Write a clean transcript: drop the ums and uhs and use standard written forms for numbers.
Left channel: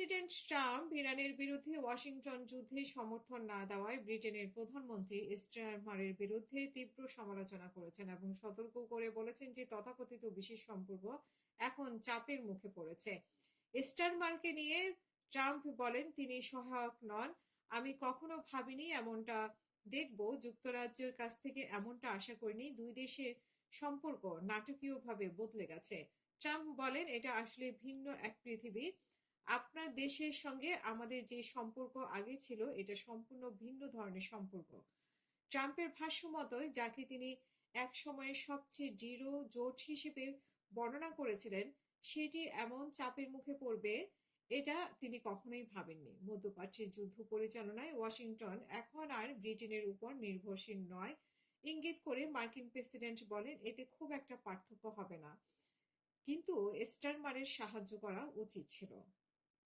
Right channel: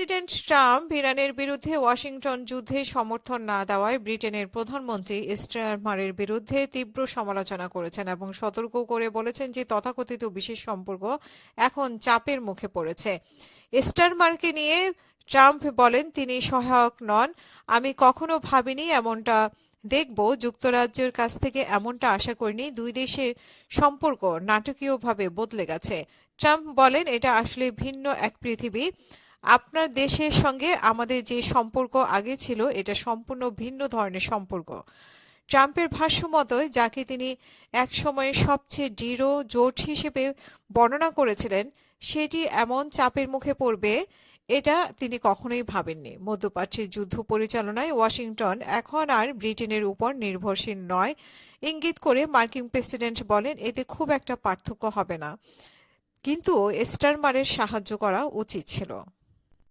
President Trump ইরানের বিরুদ্ধে Washington যুদ্ধে সমর্থন না দেওয়ায় ব্রিটেনের প্রধানমন্ত্রী স্টারমারের বিরুদ্ধে তীব্র সমালোচনা করেছেন এবং সতর্ক করে বলেছেন যে তথাকথিত বিশেষ সম্পর্ক এখন চাপের মুখে পড়েছে। স্টারমারকে নিয়ে ট্রাম্প বলেন, তিনি সহায়ক নন। আমি কখনো ভাবিনি এমনটা দেখব, যুক্তরাজ্যের কাছ থেকে এমনটা আশা করিনি। দুই দেশের সম্পর্ক নাটকীয়ভাবে বদলে গেছে। ট্রাম্প বলেন, এটা আসলে ভিন্ন এক পৃথিবী। আপনার দেশের সঙ্গে আমাদের যে সম্পর্ক আগে ছিল এটা সম্পূর্ণ ভিন্ন ধরনের সম্পর্ক। ট্রাম্পের ভাষ্য মতো, যাকে তিনি একসময়ের সবচেয়ে দৃঢ় জোট হিসেবে বর্ণনা করেছিলেন, সেটি এমন চাপের মুখে পড়বে এটা তিনি কখনোই ভাবেননি। মধ্যপ্রাচ্যের যুদ্ধ পরিচালনায় ওয়াশিংটন এখন আর ব্রিটেনের উপর নির্ভরশীল নয় ইঙ্গিত করে মার্কিন প্রেসিডেন্ট বলেন, এতে খুব একটা পার্থক্য হবে না, কিন্তু স্টারমারের সাহায্য করা উচিত ছিল।